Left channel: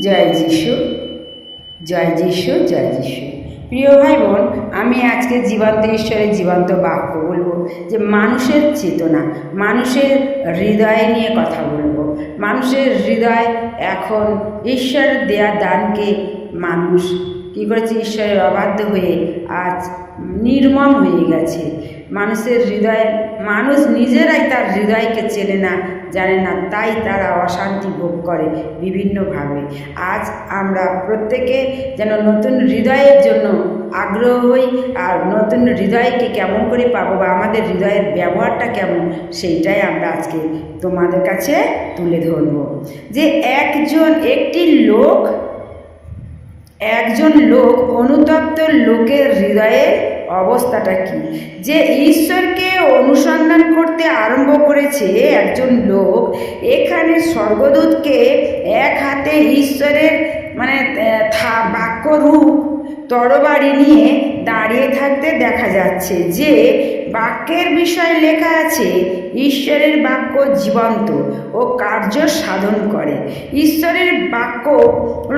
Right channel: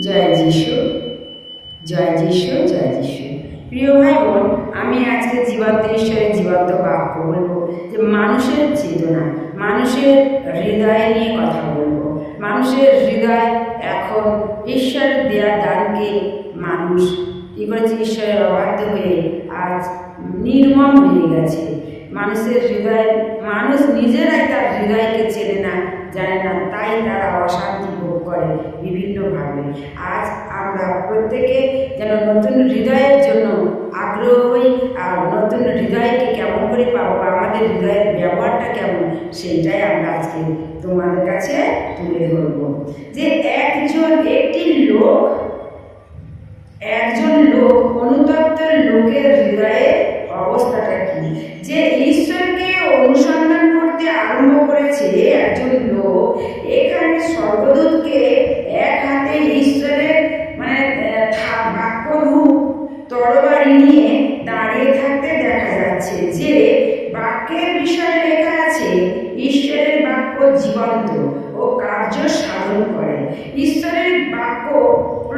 জয় যিশু জয় যিশু জয় যিশু। প্রিয় ভাই বোন আমি আজকে জীবন্ত ঈশ্বরের জীবন্ত বাক্য বলব যে মানুষের চেতনা, মানুষের হৃদয় নিয়ে কথা বলব। মানুষের হৃদয় এখন ঈশ্বরের দেয়া দানকে মানুষ কী করেছে? ঈশ্বরের অবাধ্য হয়ে আজ নির্মল হয়ে গেছে। মানুষের হৃদয়, মানুষ নিজেরাই তার হৃদয়কে চেনে না জানে না, তাই তারা অশান্তি ভোগ করে বিভিন্নভাবে। আজ আমরা প্রত্যেকে যেন নতুন হৃদয়ের জন্য আগ্রহ হই আর নতুন হৃদয়কে কেমন করে পাবো বা আমাদের হৃদয়ের ব্যবহারটা কেমন, সেইটাই আমরা আজকে তোমাদের কাছে তুলে ধরবো। যে একজন একটি লোক, একজন লোক অনুতপ্ত লোকের হৃদয়ের অবস্থাটা কি? যে ঈশ্বরকে অনুসন্ধান করতে আরম্ভ করেছে একজন লোক এখানে স্বর্গদূতকে এক হাতে ঈশ্বরের মানে আহ, থা- বাক্যরূপ তরবারি নিয়ে দাঁড়িয়ে থাকতে দেখা যাচ্ছে যে বাক্যের বিষয় লেখা আছে ঈশ্বরের বাক্য জীবন্ত ও কার্য সাধন করে। ঈশ্বরের বাক্য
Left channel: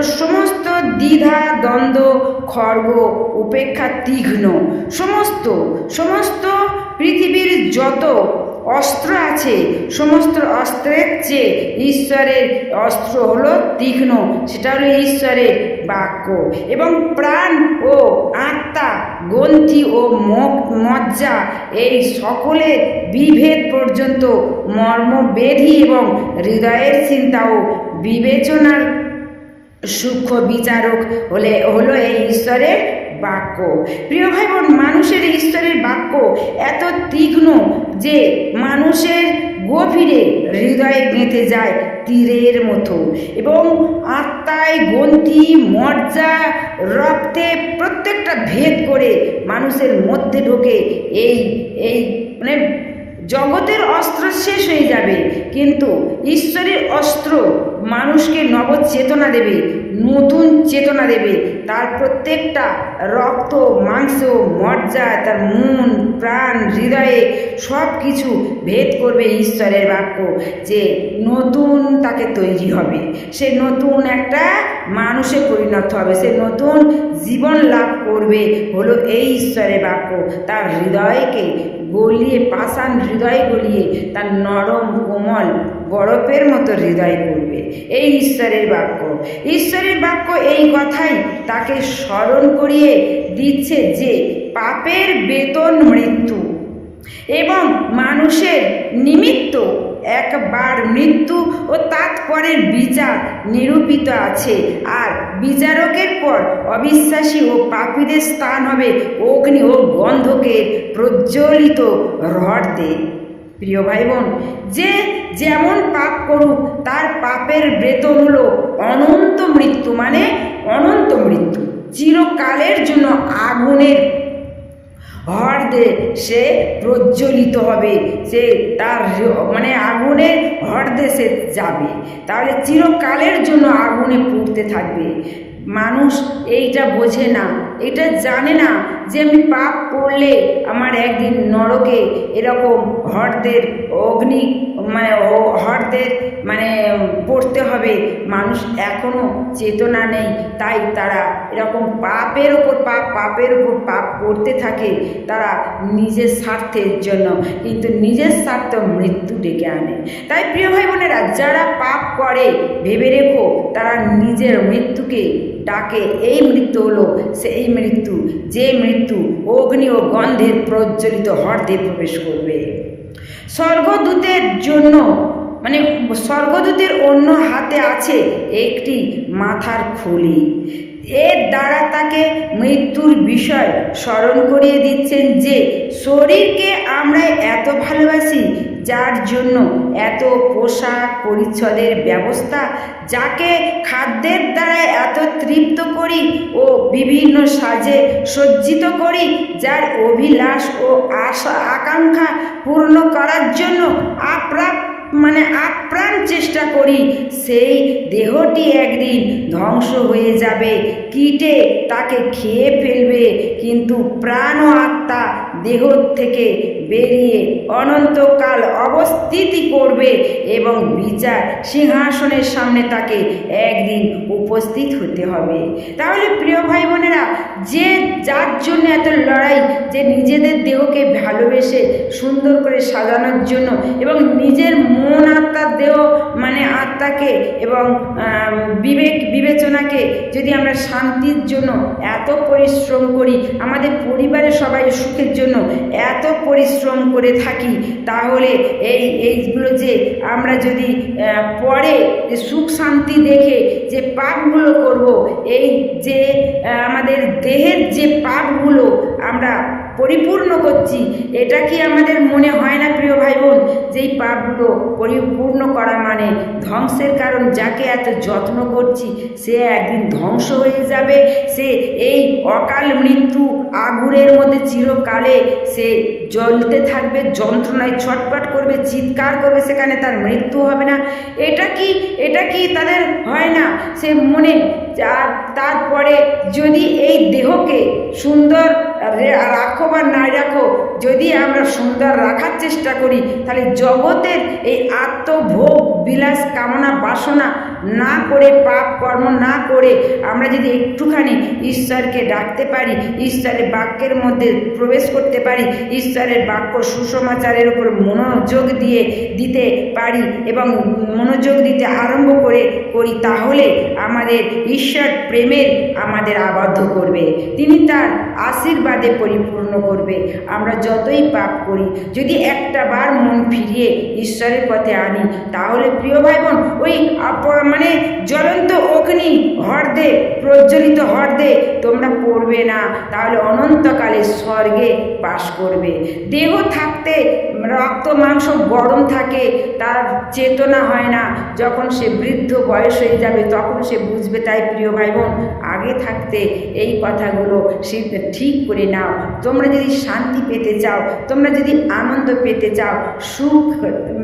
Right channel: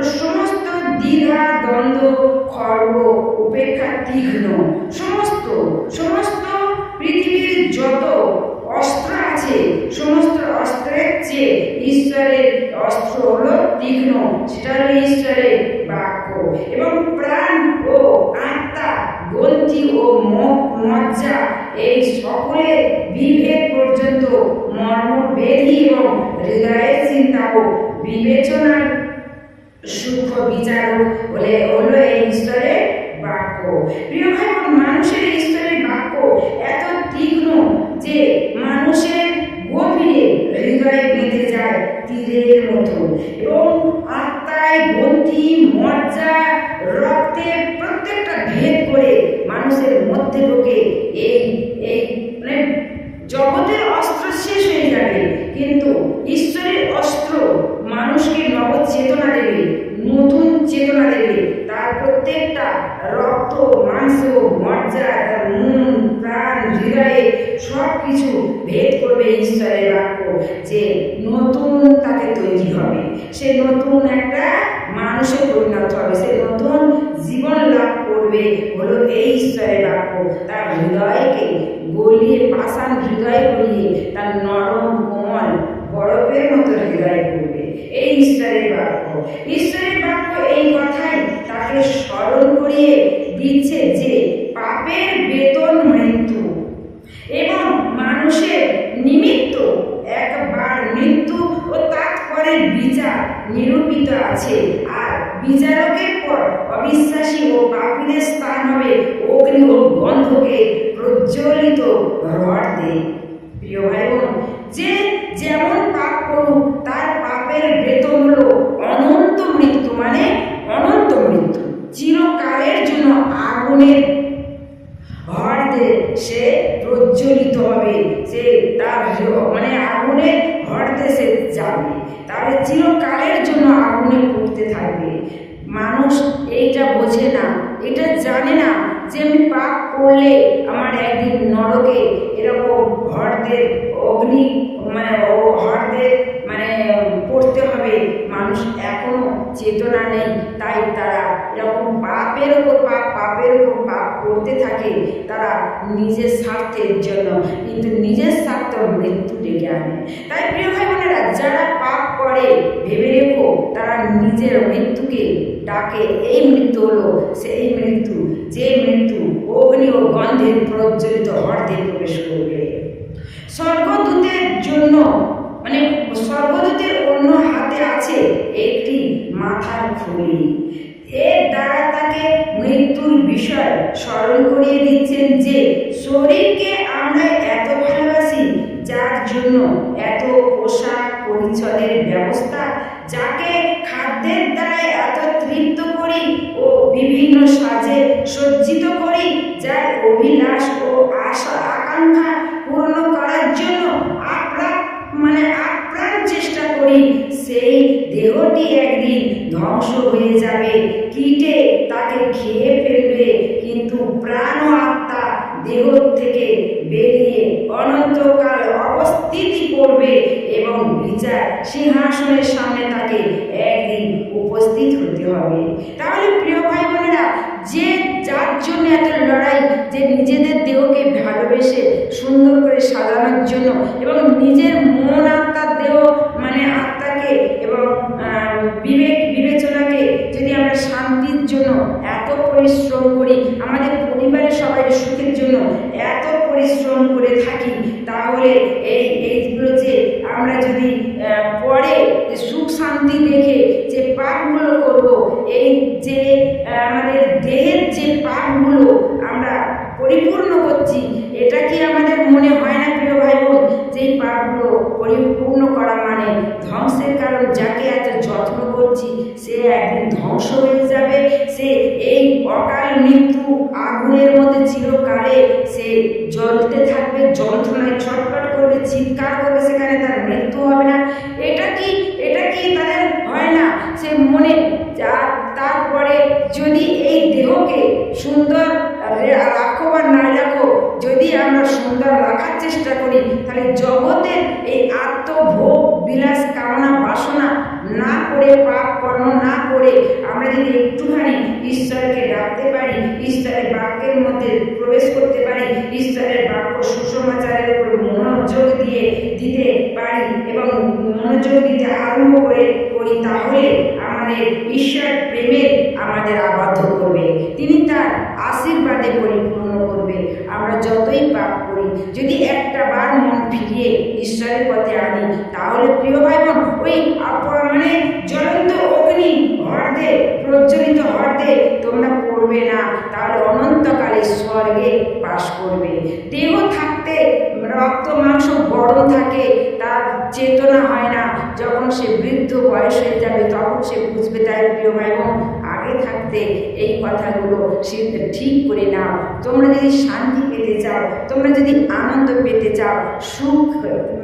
সমস্ত দ্বিধা দ্বন্দ্ব খর্গ, উপেক্ষা তীক্ষ্ণ। সমস্ত সমস্ত পৃথিবীর যত অস্ত্র আছে, সমস্ত অস্ত্রের চেয়ে ঈশ্বরের অস্ত্র হলো তীক্ষ্ণ। সেটা হলো ঈশ্বরের বাক্য। এবং প্রাণ ও আত্মা, গ্রন্থি ও মজ্জা, এই সকলের বিভেদ পর্যন্ত মর্মবেধি এবং হৃদয়ের চিন্তা ও বিবেচনার সূক্ষ্ম বিচারক হলে হলো এই ঈশ্বরের বাক্য। প্রিয় ভাই বোন মানুষের ঈশ্বরের বাক্য এত তীক্ষ্ণ যে মানুষের গভীরে হৃদয়ে গেঁথে যায় তীরের মতো এবং আত্মায় গন্তি মর্যা রক্তে প্রত্যেকটা ভেদ করে মানুষের মধ্যে ঢোকে। এই এই মানে জগতের অস্ত্র শেষ হয়ে যাবে, কিন্তু ঈশ্বরের অস্ত্র মানুষকে নব চেতনা দেবে। নতুন চেতনা দেবে। তার প্রত্যেকটা রক্ত, মাংস, মজ্জা, তার মন, প্রাণ, হৃদয়ে সব কিছু ভেদ করবে ঈশ্বরের বাক্য যে নতুন তাকে তৈরি হবে। সে নতুন একটা মানুষে পরিণত হবে। সে নতুন জীবন লাভ করবে হলো এই ঈশ্বরের বাক্য। তার হৃদয়কে গলিয়ে, পাষাণ হৃদয় গলিয়ে তার নরম কোমল বরফের মতো হৃদয় করবে। এই ঈশ্বরের বাক্য। ঈশ্বরের বাক্য এই কথাই তাকে স্মরণ করিয়ে দিচ্ছে যে পাপের বেতন মৃত্যু এবং মানুষের নিমিত্ত একবার মৃত্যু ও তাৎপরের বিচার নিরূপিত আছে। আর বিচারকের পর অবিশ্বাসী ও পাপীদের স্থান হবে অগ্নি ও গন্ধকে প্রজ্বলিত রড দে প্রিয় ভাই বোন যে যেমন পাপ করুক, তার পাপের বেতন হলো অনন্ত মৃত্যু মানে অনন্ত মৃত্যু। চিরকালের জন্য আগুনের হরদে সে প্রজ্বলিত হবে, সে তার মানে আগুনের হরদে সে যাবে। তাহলে চিরকালের জন্য আগুনে পুড়তে থাকবে। মানুষ এইটা বোঝে না, এটা জানে না যে আমি পাপ করলে আমার একদিন নরকে এরকম হরদের অগ্নি মানে ও- হরদের মানে পড়তে হবে। মানুষ এখনও চেতনা নেই, তাই তারা এরকম পাপের ওপর পাপ, পাপের ওপর পাপ করতে থাকে। তারা নিজের স্বার্থের জন্য, কিন্তু নিজের স্বার্থ মৃত্যু ডেকে আনে। তাই প্রিয় ভাই বোনেরা, যারা পাপ করে, ভেবে রেখো, তারা নিজের মৃত্যুকে ডাকে, এই মৃত্যু হলো, সেই মৃত্যু যে মৃত্যু অগ্নি ও গন্ধের প্রজ্বলিত হর্দে প্রবেশ করবে। স্বর্গদূতের জন্য মানে স্বর্গদূতের অন্য হাতে আছে একটি মাথার খুলি। এর দ্বারা তাকে মৃত্যুর বিষয় স্মরণ করিয়ে দিচ্ছেন যে, শরীরকে আমরা এত ভালোবাসি, যার জন্য এত পোশাক পরিচ্ছদের ব্যবস্থা যাকে খাদ্যের দ্বারা এত তৃপ্ত করি ও বিভিন্ন সাজে সজ্জিত করি, যার অভিলাষ ও আশা আকাঙ্ক্ষা পূর্ণ করার জন্য আপ্রাপ মানে আপ্রাণ চেষ্টা করি, সেই দেহটি একদিন ধ্বংস হয়ে যাবে। কীটে তাকে খেয়ে ফেলবে, কিন্তু প্রাণ ও আত্মা দেহ থেকে বেরিয়ে অনন্তকাল অবস্থিতি করবে এবং বিচার সিংহাসনের সামনে তাকে একদিন উপস্থিত হতে হবে। তাহলে প্রিয় ভাই বোনেরা যে যার জন্য এত লড়াই, যে নিজেদের দেহকে ভালোবেসে সুন্দর করে সাজানোর জন্য এবং নিজের মন আত্মার দেহ মানে আত্মাকে এবং বিবেক, বিবেচনাকে যদি আমরা শান্তির জন্য এত পরিশ্রম করি, আমাদের পরিবারের সবাই সুখের জন্য এত পরিশ্রম করে থাকি, তাহলে এই, এইগুলো যে আমরা যদি পরে সুখ শান্তি দেখে যে পাপগুলো করব, এই যে আমাদের দেহের যে পাপগুলো আমরা পরিপূর্ণ করছি। এটা কি আমাদের মনে হয় না, প্রিয় ভাই বোন যে এই পাপগুলো পরিপূর্ণ করা মানে ধ্বংসের কারণ যাকে এত যত্ন করছি, সে একদিন ধ্বংস হয়ে যাবে। সে এই অকাল মৃত্যু আগুনের মধ্যে চিরকালে সে জ্বলতে থাকবে, যন্ত্রণায় ছটপট করবে, চিৎকার করবে, সেখানে তার মৃত্যু হবে না। এটা কি এটা কি তাদের হয় না? সে মনে আর তারপরে যদি এই দেহকে সুন্দর রাখো বা না রাখো। যদি আমরা সুন্দর রাখার চেষ্টা করি, তাহলে জগতের এই আত্মভোগ বিলাস কামনা বাসনা না করে পাপ কর্ম না করে আমরা যদি একটুখানি ঈশ্বরকে ডাকতে পারি, ঈশ্বরের বাক্যের মধ্যে প্রবেশ করতে পারি, ঈশ্বরের বাক্য সুসমাচারের উপর মনোযোগ দিয়ে দিতে পারি এবং মনোযোগ দিতে আরম্ভ করে, করি, তাহলে আমাদের ঈশ্বর প্রেমের আমাদের আবদ্ধ করবে। তিনি তার আশীর্বাদে পরিপূর্ণ করবে। আমরা যতই পাপ করি, যদি একটা বার মন ফিরিয়ে ঈশ্বরের পথে আনি, তাহলে প্রিয় ভাই বোন ওই আপ- মানে জ্বলন্ত অগ্নি হর্দে, প্রজ্বলিত হর্দে তোমরা পড়বে না। তাহলে অনন্তকালে স্বর্গে বাস করবে। দেহ থাকতে রক্ত, মাংস, গরম থাকে, তার চেতনা হয় না। যখন সে বৃদ্ধ বয়স হয়ে যাবে, তখন সে বুঝবে, তাই প্রিয় ভাই বোন আগে থাকতে এই কথাগুলো সে ঠিক করে নাও। তোমরা যদি শান্তি পেতে চাও, তোমরা যদি আনন্দ পেতে চাও, সুখ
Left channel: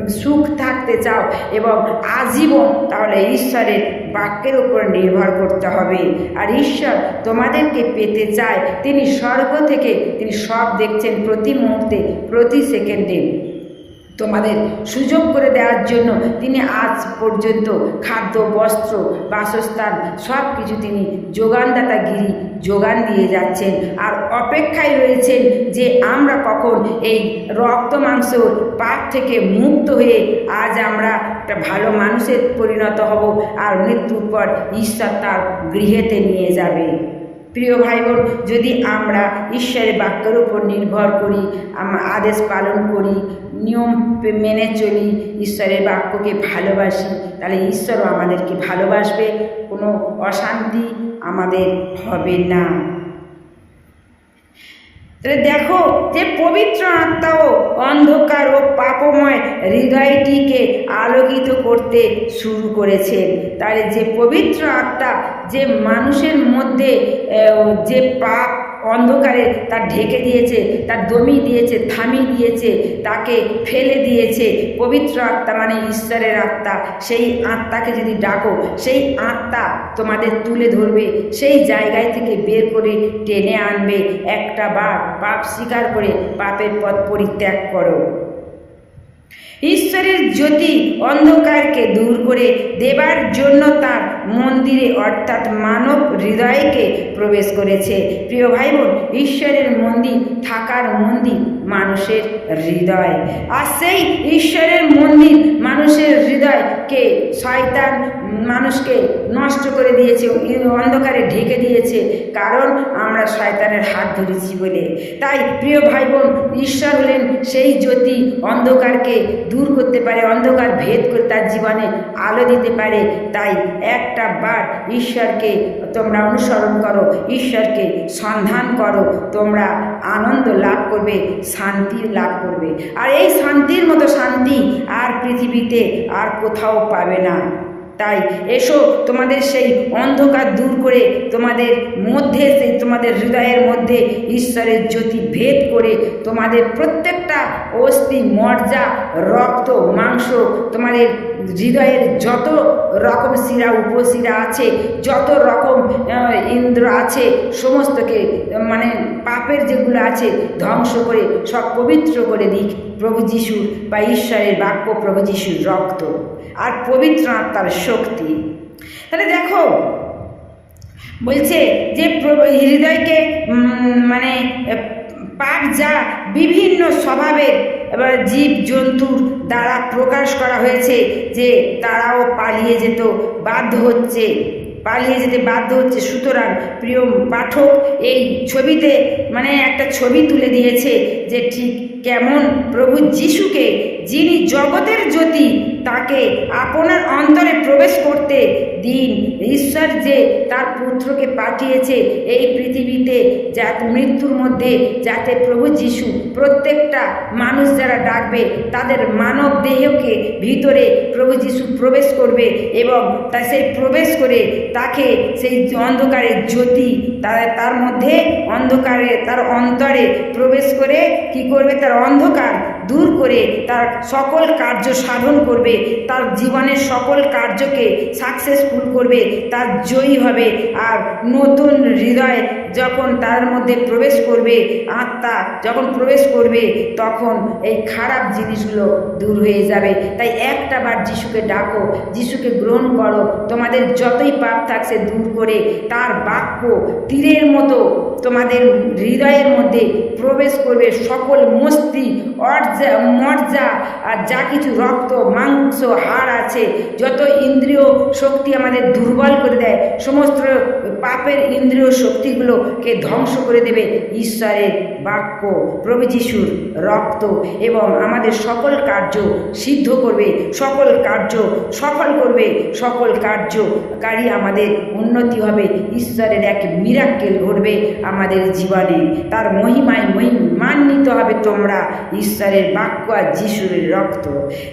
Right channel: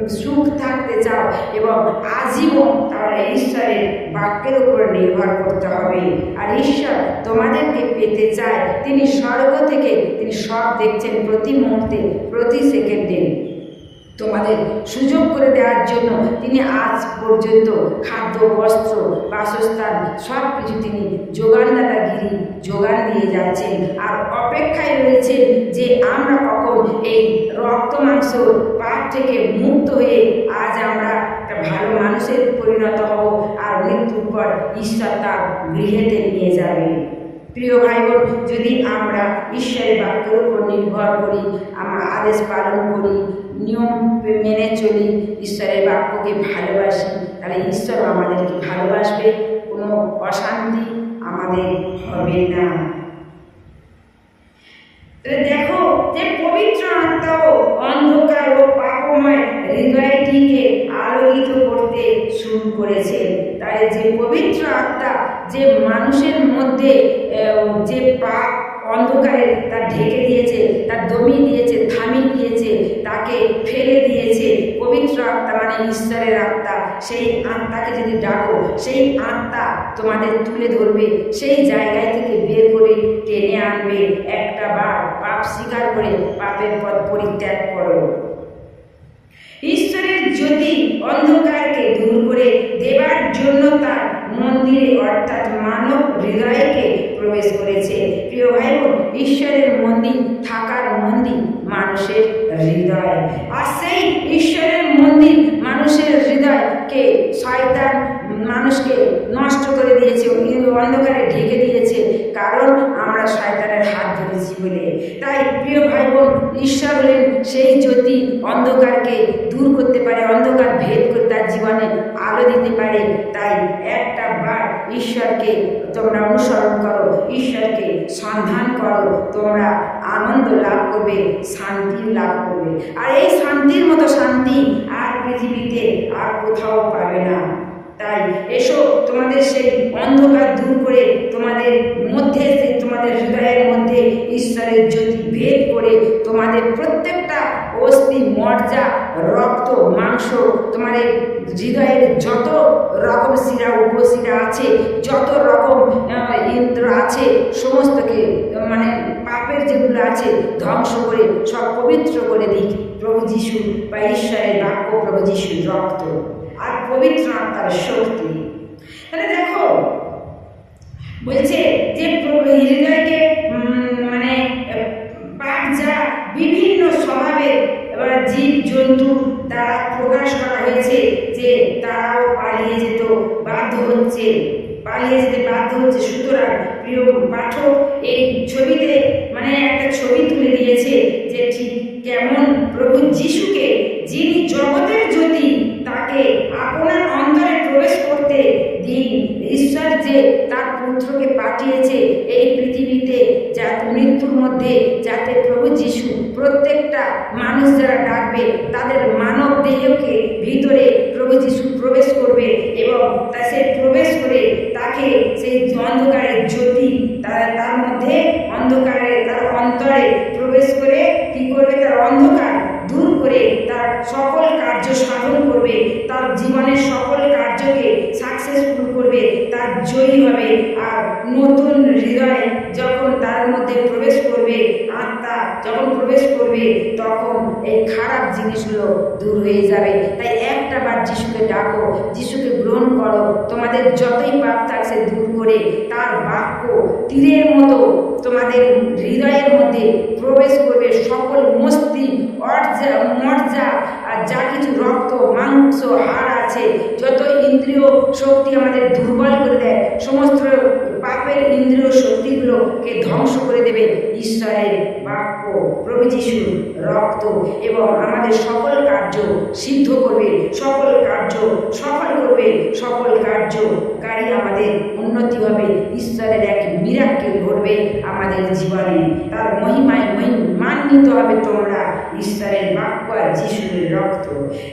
সুখ থাকতে চাও এবং আজীবন তাহলে ঈশ্বরের বাক্যের উপর নির্ভর করতে হবে। আর ঈশ্বর তোমাদেরকে পেতে চায়, তিনি স্বর্গ থেকে তিনি সব দেখছেন প্রতি মুহূর্তে, প্রতি সেকেন্ডে। তোমাদের সুযোগ করে দেওয়ার জন্য তিনি আজ পর্যন্ত খাদ্য, বস্ত্র, বাসস্থান সব কিছু তিনি যোগানদাতাগিরি যোগান দিয়ে যাচ্ছেন। আর অপেক্ষায় রয়েছেন যে আমরা কখন এই রক্ত, মাংস পাপ থেকে মুক্ত হয়ে আজ আমরা একটা ভালো মানুষের পরিণত হব আর মৃত্যুর পর ঈশ্বর তার গৃহেতে নিয়ে যাবে। প্রিয় ভাই বোন যদি আমরা ঈশ্বরের বাক্যের উপর নির্ভর করি, আমরা আদেশ পালন করি নিয়ম মেনে চলি, ঈশ্বরের বাক্যকে ভালোবাসি। তাহলে ঈশ্বরও আমাদেরকে ভালোবাসবে, কোনো অশান্তি আমাদের হবে না। দেখো যে পবিত্র আত্মাও অন্ধকার ও পাপময় হৃদয়টিকে আলোকিত করতে শুরু করেছে। তাহলে যে পবিত্র আত্মা, যে মানুষের মধ্যে যে পাপ অন্ধকারে তার ঢেকে দিয়েছে, তার দমি দিয়েছে থামিয়ে দিয়েছে, তাকে ফেলে দিয়েছে। পবিত্র আত্মা মানে ঈশ্বরের আত্মা। সেই আত্মাকে যদি ডাকো, সেই আত্মা তোমাদের তুলে ধরবে, সেই জায়গায় থেকে বের করে টেনে আনবে। একটা বার পাপ স্বীকার করে পাপের পথ পরিত্যাগ করো। ঈশ্বরের জ্যোতি অন্ধকারকে দূর করে দেবার জন্য তার মন্দিরে, অর্থাৎ মানব হৃদয়কে প্রবেশ করেছে। প্রিয় ভাই বোন, ঈশ্বরের মন্দির থাকার মন্দির মানুষের হৃদয়। আর সেই ঈশ্বরের মন্দির মানুষের হৃদয়কে শয়তান মানুষকে নষ্ট করে দিয়েছে অন্ধকারে ঢেকে দিয়েছে, কারণ আমরা শয়তানের হাত ধরেছি বলে। তাই প্রিয় ভাই বোন ঈশ্বর হলেন সেই জ্যোতি অন্ধকারকে দূর করতে পারে, অন্ধকার ভেদ করে তার জীবনে আলো দিতে পারে। তাই একটা বার ঈশ্বরকে তোমরা অনুসরণ করো, ঈশ্বরকে সন্ধান করো, তোমরা আনন্দ লাভ করবে, শান্তি লাভ করবে। আর এই শান্তির মতো শান্তি আর পৃথিবীতে আর কোথাও পাবে না। তাই এসো তোমাদের সেই অন্ধকার দূর করে তোমাদের মধ্যে, সেই তোমাদের হৃদয়ের মধ্যে ঈশ্বরের জ্যোতি ভেদ করে তোমাদের প্রত্যেকটা অস্থি, মর্যা, রক্ত, মাংস, তোমাদের হৃদয়ের যত রকম শিরা, উপশিরা আছে, যত রকম ইন্দ্র আছে, সমস্তকে মানে পাপের যেগুলো আছে, ধ্বংস করে, সব পবিত্র করে দিক প্রভু যিশু বা ঈশ্বরের বাক্য প্রভু যিশুর রক্ত। আর পবিত্র আত্মার শক্তি। তাহলে দেখো, বলছে যে হৃদয়কে মানে পাপ যা বিভিন্ন স্বভাবের, এবার জীব জন্তুর দ্বারা প্রকাশ করা হয়েছে যে তারাও পালিয়ে যেত, বাধ্য হচ্ছে, পালিয়ে যেতে বাধ্য হচ্ছে। সুতরাং প্রিয় পাঠক, এই ছবিতে মানে একটা ছবি তুলে দিয়েছে যে ঠিক কেমন প্রভু যিশুকে, যিনি জগতের জ্যোতি তাকে আপনার অন্তরে প্রবেশ করতে দিন। ঈশ্বর যে তার পুত্রকে পাঠিয়েছে এই পৃথিবীতে যা মৃত্যুর মধ্যে যাতে প্রভু যিশু প্রত্যেকটা মানুষ যারা ডাকবে, তাদের মানব দেহকে ভিতরে প্রভু যিশু প্রবেশ করবে এবং তা সেই প্রবেশ করে তাকে সেই অন্ধকারের জ্যোতি তার তার মধ্যে অন্ধকারে, তার অন্তরে প্রবেশ করে কি করবে? তার অন্ধকার দূর করে তার সকল কার্য সাধন করবে, তার জীবনের সকল কার্যকে সাকসেসফুল করবে, তার জয়ী হবে। আর নতুন হৃদয় যখন তার মধ্যে প্রবেশ করবে, আত্মা যখন প্রবেশ করবে, তখন এই খারাপ জিনিসগুলো দূর হয়ে যাবে। তাই একটা বার যিশুকে ডাকো, যিশুকে গ্রহণ করো। তোমাদের যতই পাপ থাকছে দূর করে, তার বাক্য তীরের মতো তোমাদের হৃদয়ের মধ্যে প্রবেশ করবে সকল মস্তি, অর্জা মর্জা আর যা কিছু রক্ত, মাংস, হাড় আছে, যত ইন্দ্রিয় শক্তি আমাদের দুর্বল করে দেয়, সমস্ত পাপের ইন্দ্রিয় শক্তিগুলোকে ধ্বংস করে দেবে ঈশ্বরের বাক্য। প্রভু যিশুর রক্ত এবং আমাদের সকল কার্য সিদ্ধ করবে, সকল কার্য সফল করবে, সকল কার্যকারী আমাদের উন্নতি হবে, ঈশ্বরের এক মিরাক্কেল ঘটবে। আমাদের জীবনে। তার মহিমায় মহিমান্বিত হবে তোমরা ঈশ্বরের বাক্য আর যিশুর রক্ত।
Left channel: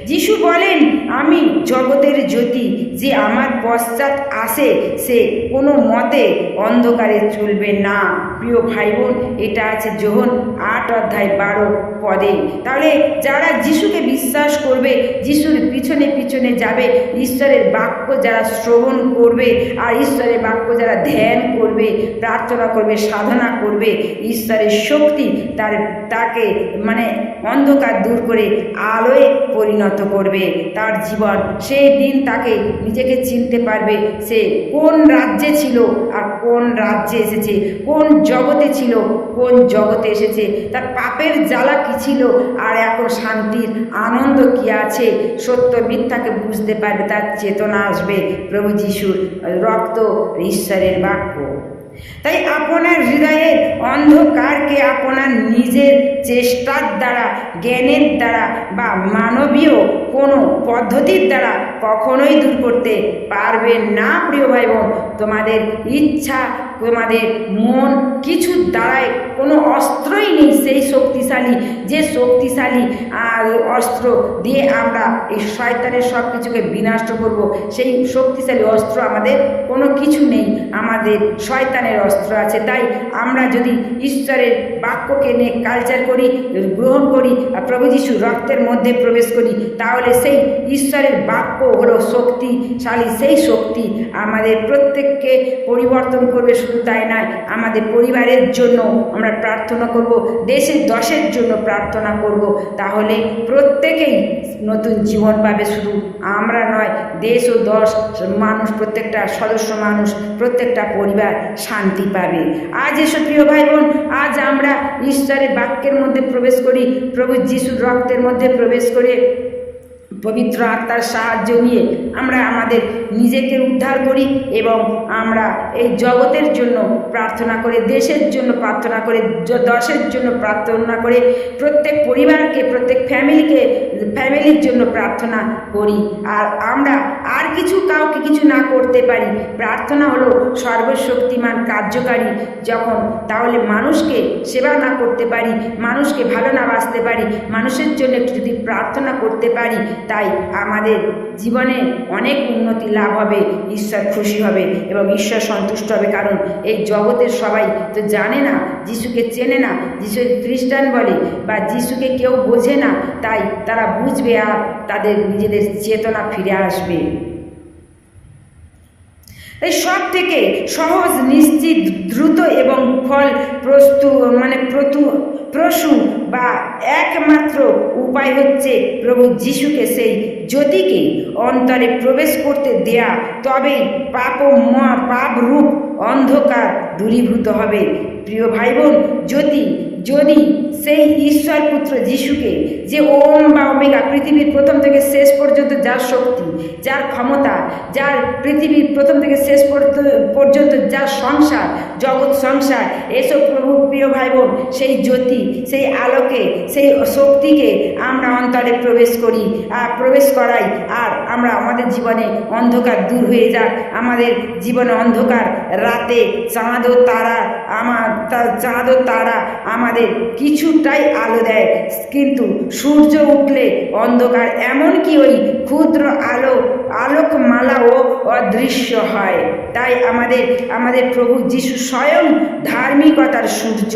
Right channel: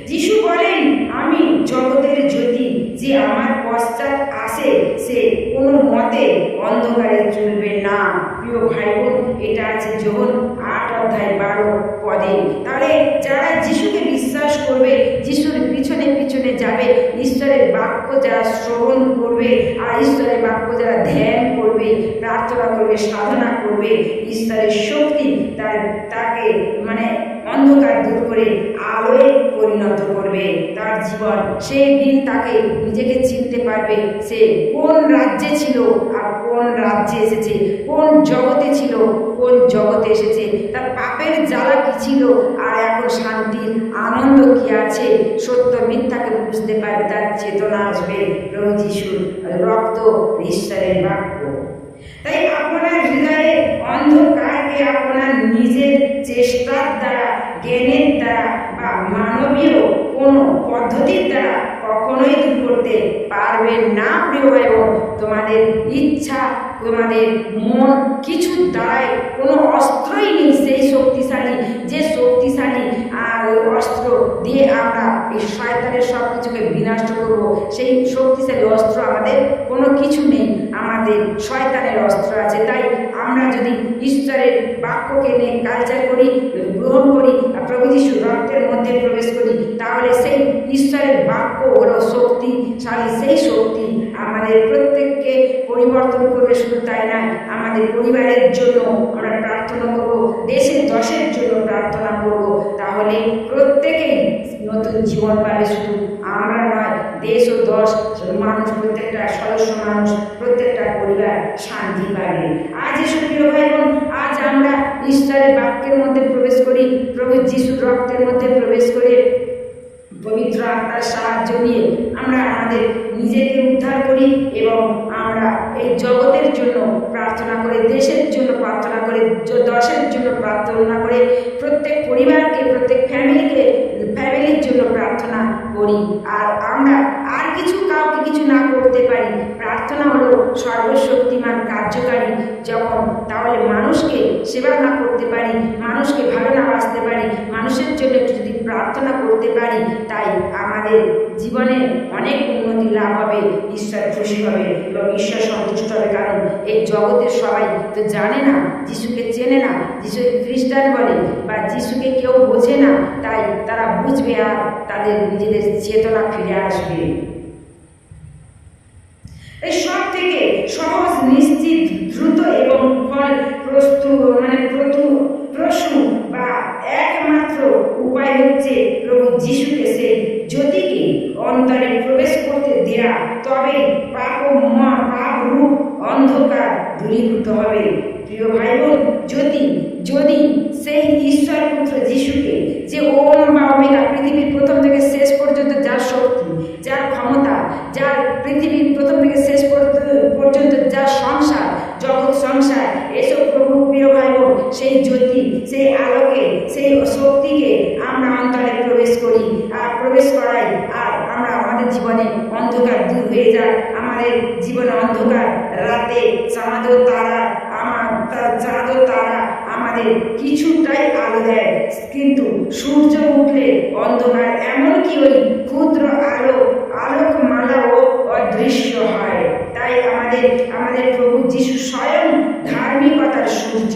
যিশু বলেন, আমি জগতের জ্যোতি, যে আমার পশ্চাৎ আসে, সে কোনো মতে অন্ধকারে চলবে না। প্রিয় ভাই বোন এটা আছে যোহন আট অধ্যায় বারো পদে। তাহলে যারা যিশুকে বিশ্বাস করবে, যিশুর পিছনে পিছনে যাবে, ঈশ্বরের বাক্য যারা শ্রবণ করবে আর ঈশ্বরের বাক্য যারা ধ্যান করবে, প্রার্থনা করবে, সাধনা করবে, ঈশ্বরের শক্তি তার, তাকে মানে অন্ধকার দূর করে আলোয় পরিণত করবে। তার জীবন, সেই দিন তাকে নিজেকে চিনতে পারবে সে কোন রাজ্যে ছিল আর কোন রাজ্যে এসেছে, কোন জগতে ছিল, কোন জগতে এসেছে। তার পাপের জ্বালা কী ছিল? আর এখন শান্তির আনন্দ কি আছে? সত্য মিথ্যাকে বুঝতে পারবে, তার চেতনা আসবে প্রভু যিশুর রক্ত ঈশ্বরের বাক্য। তাই আপনার হৃদয়ের অন্ধকারকে আপনার নিজের চেষ্টার দ্বারা, জ্ঞানের দ্বারা বা মানবীয় কোনো পদ্ধতির দ্বারা কখনোই দূর করতে পারবে না, প্রিয় ভাই বোন তোমাদের ইচ্ছা, তোমাদের মন কিছু দ্বারাই কোনো অস্ত্রই নেই সেই শক্তিশালী, যে শক্তিশালী অস্ত্র দিয়ে আমরা এই শয়তানের সব কিছুকে বিনষ্ট করব। সেই শক্তিশালী অস্ত্র আমাদের কোনো কিছু নেই। আমাদের শয়তানের অস্ত্র আছে। তাই আমরা যদি ঈশ্বরের বাক্যকে নিয়ে কালচার করি, গ্রহণ করি আর প্রভু যিশু রক্তের মধ্যে প্রবেশ করি, তাহলে সেই ঈশ্বরের বাক্য হলো শক্তিশালী সেই শক্তি আমাদের প্রত্যেককে পরিবর্তন করবে, শুধু তাই নয়, আমাদের পরিবারের জন্য আমরা প্রার্থনা করব, দেশের দশের জন্য প্রার্থনা করব। তাহলে প্রত্যেকেই নতুন জীবন পাবে, শুধু আমরা নয়, দেশ ও দশ, মানুষ, প্রত্যেকটা সদস্য মানুষ, প্রত্যেকটা পরিবার শান্তি পাবে। আজ এসব প্রিয় ভাই বোন, আজ আমরা ঈশ্বরের বাক্যের মধ্যে প্রবেশ করি, প্রভু যিশুর রক্তের মধ্যে প্রবেশ করে পবিত্র আত্মার সাহায্য নিয়ে আমরা আমাদের নিজেকে উদ্ধার করি এবং আমরা এই জগতের জন্য প্রার্থনা করে, দেশের জন্য প্রার্থনা করে দশের জন্য প্রার্থনা করে, প্রত্যেক পরিবারকে, প্রত্যেক ফ্যামিলিকে, ফ্যামিলির জন্য প্রার্থনা করি। আর আমরা আর কিছু কাউকে কিছু না করতে পারি। প্রার্থনা হলো সর্বশক্তিমান কার্যকারী যখন, তাহলে মানুষকে সেবা না করতে পারি, মানুষকে ভালো না বাঁচতে পারি, মানুষের জন্য যদি প্রার্থনা করতে পারি, তাই আমাদের জীবনে অনেক উন্নতি লাভ হবে, ঈশ্বর খুশি হবে এবং ঈশ্বর সন্তুষ্ট হবে। কারণ এই জগতের সবাই তো জানে না, যিশুকে চেনে না যিশু খ্রিস্টান বলে বা যিশুকে কেউ বোঝে না, তাই তারা বুঝবে আর তাদের নিজেদের চেতনা ফিরে আসবে। এই সব থেকে সহজ, নিশ্চিত, দ্রুত এবং ফল প্রস্তু মানে প্রতু প্রসূ বা একমাত্র উপায় হচ্ছে প্রভু যিশুকে সেই জ্যোতিকে অন্তরে প্রবেশ করতে দেয়া, তবে পাপ পাপ রূপ অন্ধকার দূরীভূত হবে। প্রিয় ভাই বোন যদি যদি সেই ঈশ্বর পুত্র যিশুকে যে ওম বা ওমেগা পৃথিবীর প্রথম থেকে শেষ পর্যন্ত যার শক্তি, যার ক্ষমতা, যার পৃথিবীর প্রথম থেকে শেষ পর্য- পর্যন্ত যার সংসার জগৎ সংসার, এসব প্রভু প্রিয় ভাই বোন সেই জ্যোতি, সেই আলোকে, সেই শক্তিকে আমরা অন্তরে প্রবেশ করি আর প্রবেশ করাই আর আমরা আমাদের জীবনে অন্ধকার দূর হয়ে যাক। আমাদের জীবনে অন্ধকার, রাতে চাঁদ ও তারা আমার চাঁদ ও তারা আমাদের কিছুটাই আলো দেয়। কিন্তু সূর্য উঠলে অন্ধকার, এমনকি ওই ক্ষুদ্র আলো আলোকমালাও অদৃশ্য হয়। তাই আমাদের আমাদের প্রভু যিশু স্বয়ং ধার্মিকতার সূর্য।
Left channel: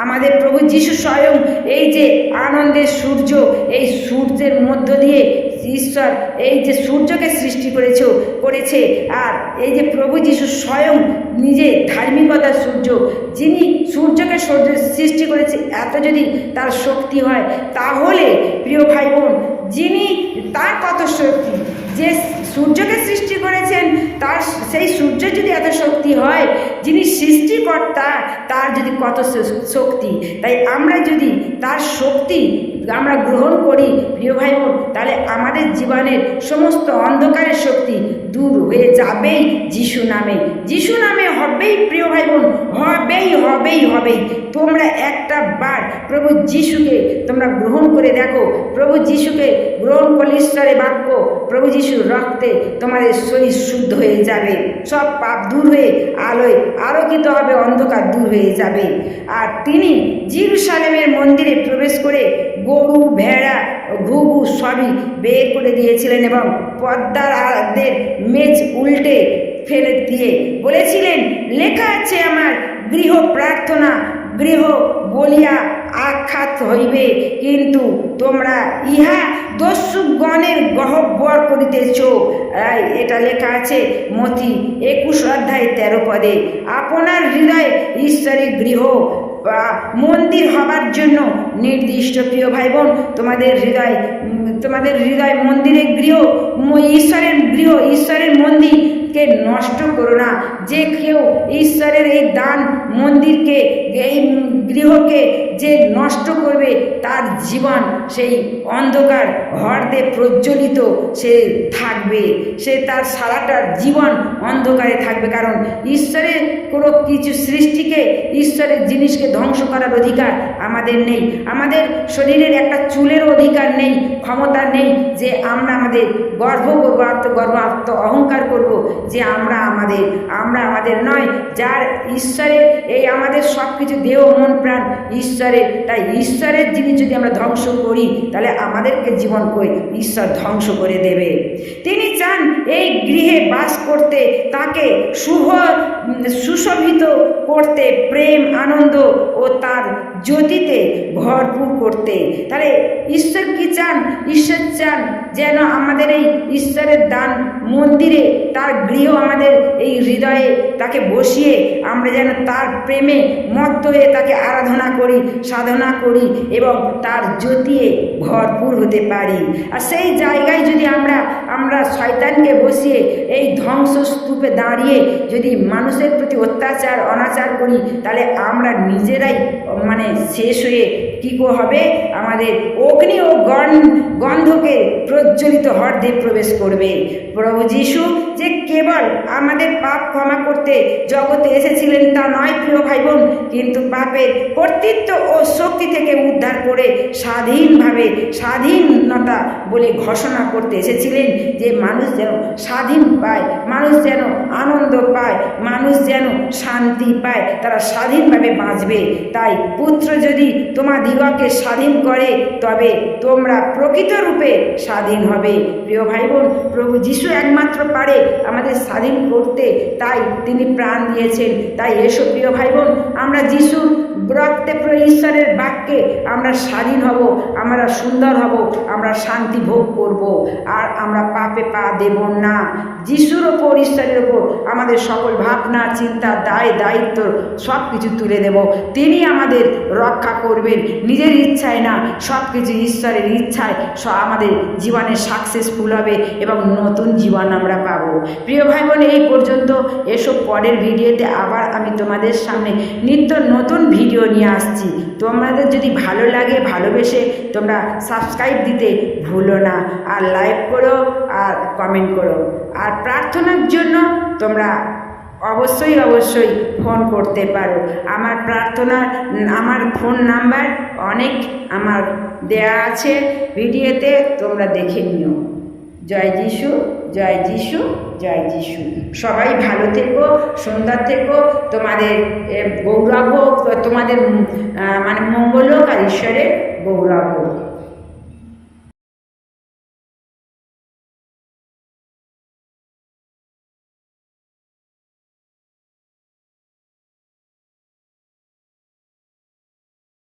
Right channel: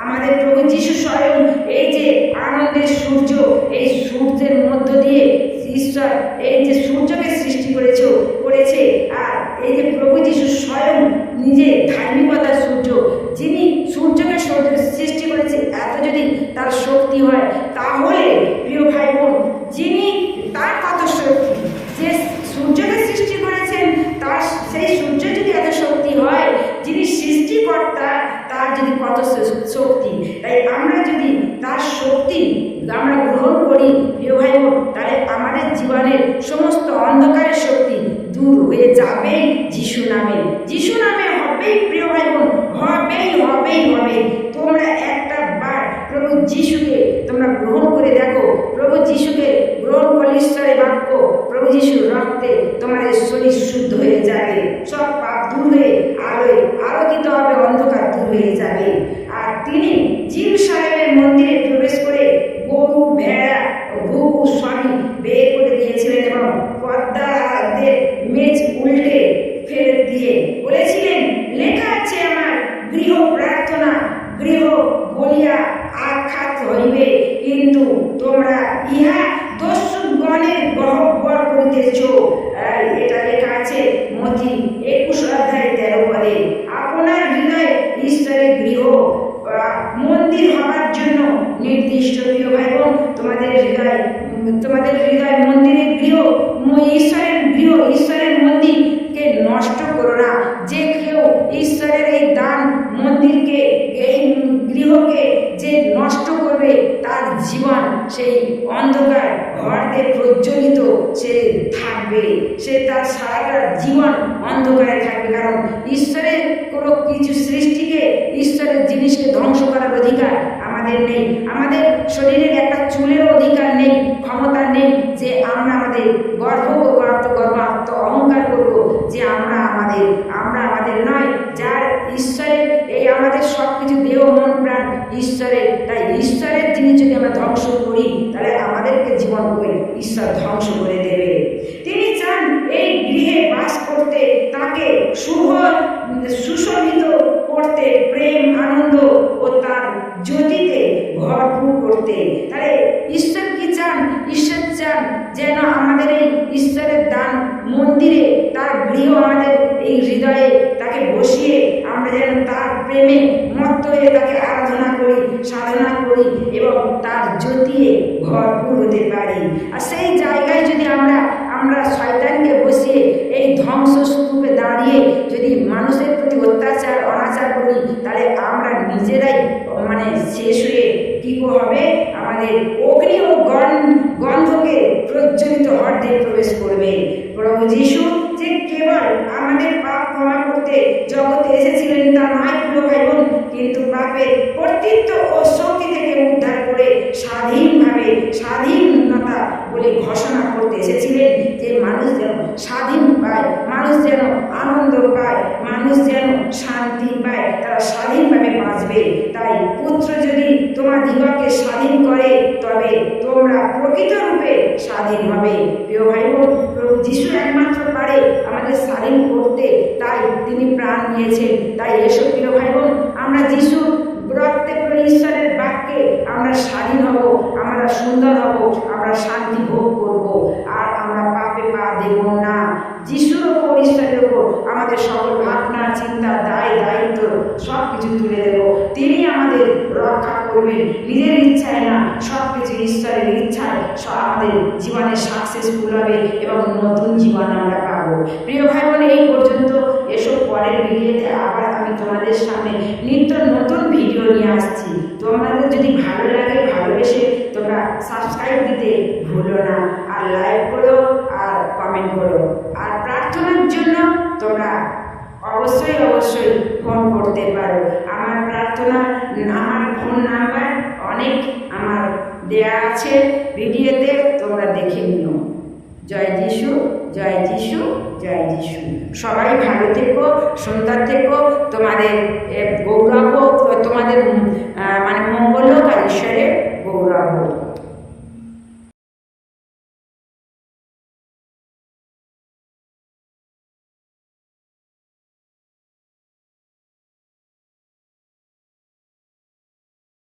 আমাদের প্রভু যিশু স্বয়ং এই যে আনন্দের সূর্য, এই সূর্যের মধ্য দিয়ে ঈশ্বর এই যে সূর্যকে সৃষ্টি করেছে করেছে। আর এই যে প্রভু যিশু স্বয়ং নিজে ধার্মিকতার সূর্য, যিনি সূর্যকে সূর্য- সৃষ্টি করেছে, এত যদি তার শক্তি হয়, তাহলে প্রিয় ভাই বোন যিনি তার কত শক্তি, যে সূর্যকে সৃষ্টি করেছেন, তার সেই সূর্য যদি এত শক্তি হয় তার যদি কত শক্তি, তাই আমরা যদি তার শক্তি আমরা গ্রহণ করি, প্রিয় ভাই বোন, তাহলে আমাদের জীবনের সমস্ত অন্ধকারের শক্তি দূর হয়ে যাবেই যিশু নামে। যিশু নামে হবেই, প্রিয় ভাই বোন, হবেই হবেই হবেই। তোমরা একটা বার প্রভু যিশুকে তোমরা গ্রহণ করে দেখো। প্রভু যিশুকে গ্রহণ করলে ঈশ্বরের বাক্য, প্রভু যিশুর রক্তে তোমাদের শরীর শুদ্ধ হয়ে যাবে। সব পাপ দূর হয়ে, আলোয় আলোকিত হবে, অন্ধকার দূর হয়ে যাবে। আর তিনি জিরুসালেমের মন্দিরে প্রবেশ করে গরু, ভেড়া, ঘুঘু সবই বের করে দিয়েছিলেন এবং পদ্মারদের মেজ উল্টে ফেলে দিয়ে বলেছিলেন, লেখা আছে আমার গৃহ প্রার্থনা, গৃহ বলিয়া আখ্যাত হইবে কিন্তু তোমরা ইহা দস্যুগণের গহ্বর করিতেছ এই, এটা লেখা আছে মতি একুশ অধ্যায় তেরো পদে আপনার হৃদয় ঈশ্বরের গৃহ বা মন্দির হবার জন্য নির্দিষ্ট প্রিয় ভাই বোন তোমাদের হৃদয় উম, তোমাদের হৃদয় মন্দিরের গৃহ ম- ঈশ্বরের গৃহ ঈশ্বরের মন্দিরকে নষ্ট করো না যে কেউ ঈশ্বরের এই দান মন্দিরকে এই গৃহকে যে নষ্ট করবে তার জীবন, সেই অন্ধকার ঘর দিয়ে প্রজ্বলিত সে থাকবে। সে তার সারাটা জীবন অন্ধকারে থাকবে। কারণ ঈশ্বরের কোনো কিছু সৃষ্টিকে, ঈশ্বরের জিনিসকে ধ্বংস করার অধিকার আমাদের নেই। আমাদের শরীরের একটা চুলের অধিকার নেই, ক্ষমতা নেই যে আমরা আমাদের গর্ব করব আত্মগর্ব আত্ম অহংকার করব, যে আমরা আমাদের আমরা আমাদের নয়। যার ঈশ্বরের এই আমাদের সব কিছু দেহ, মন, প্রাণ ঈশ্বরের, তাই ঈশ্বরের জিনিস যদি আমরা ধ্বংস করি, তাহলে আমাদেরকে জীবন কই? ঈশ্বর ধ্বংস করে দেবে। তিনি চান এই গৃহে বাস করতে, তাকে শুভ সুশোভিত করতে, প্রেম, আনন্দ ও তার জ্যোতিতে ভরপুর করতে। তাহলে ঈশ্বর কি চান? ঈশ্বর চান যেন আমাদের এই ঈশ্বরের দান মন্দিরে, তার গৃহ আমাদের এই হৃদয়ে তাকে বসিয়ে আমরা যেন তার প্রেমে মত্ত হয়ে তাকে আরাধনা করি, সাধনা করি এবং তার জ্যোতিয়ে ভরপুর হতে পারি। আর সেই জায়গায় যদি আমরা আমরা শয়তানকে বসিয়ে এই ধ্বংস ধ্বংসস্তূপে দাঁড়িয়ে যদি মানুষের প্রতি অত্যাচার, অনাচার করি, তাহলে আমরা নিজেরাই মানে শেষ হয়ে কী কো হবে? আমাদের অগ্নি ও গণ, গন্ধকে প্রজ্বলিত হর্দে প্রবেশ করবে। প্রভু যিশু যে কেবল আমাদের পাপ ক্ষমা করতে জগতে এসেছিলেন তা নয় প্রিয় ভাই বোন কিন্তু পাপের কর্তৃত্ব ও শক্তি থেকে উদ্ধার করে স্বাধীনভাবে স্বাধীনতা বলে ঘোষণা করতে এসেছিলেন যে মানুষ যেন স্বাধীন পায়, মানুষ যেন আনন্দ পায়, মানুষ যেন শান্তি পায়, তারা স্বাধীনভাবে বাঁচবে। তাই পুত্র যদি তোমাদিগকে স্বাধীন করে, তবে তোমরা প্রকৃত রূপে স্বাধীন হবে। প্রিয় ভাই বোন প্রভু যিশু একমাত্র পারে আমাদের স্বাধীন করতে তাই তিনি প্রাণ দিয়েছেন। তাই এসব প্রিয় ভাই বোন আমরা যিশু রক্তে করে ঈশ্বরের বাক্যে আমরা স্বাধীন হব, আমরা সুন্দর হব, আমরা শান্তি ভোগ করব, আর আমরা পাপে পা দেব না। যিশুর ওপর, ঈশ্বরের ওপর আমাদের সকল ভাবনা, চিন্তা, দায়, দায়িত্ব সব কিছু তুলে দেব। তিনি আমাদের রক্ষা করবেন। নিজের ইচ্ছায় না সব কিছু ঈশ্বরের ইচ্ছায় আমাদের জীবনে সাকসেসফুল হবে এবং নতুন জীবন আমরা পাবো। প্রিয় ভাই বোন এই পর্যন্ত এসব পরের ভিডিওতে আবার আমি তোমাদের সামনে নিত্য নতুন ভিডিও নিয়ে আসছি। তোমাদের যদি ভালো লাগে, ভালোবেসে তোমরা সাবস্ক্রাইব দিতে ভুলো না। আর লাইক করো, আর কমেন্ট করো। আর প্রার্থনার জন্য তোমরা অবশ্যই অবশ্যই ফোন করতে পারো। আমার প্রার্থনা, আমার ফোন নাম্বার অনেক আমার দেয়া আছে। ভিডিওতে তোমরা দেখে নিও। জয় যিশু জয় যিশু জয় যিশু। সবাই ভালো থেকো, সুন্দর থেকো। তোমাদের গৌরব হোক, তোমাদের মানে মঙ্গল হোক আর ঈশ্বরের গৌরব হোক।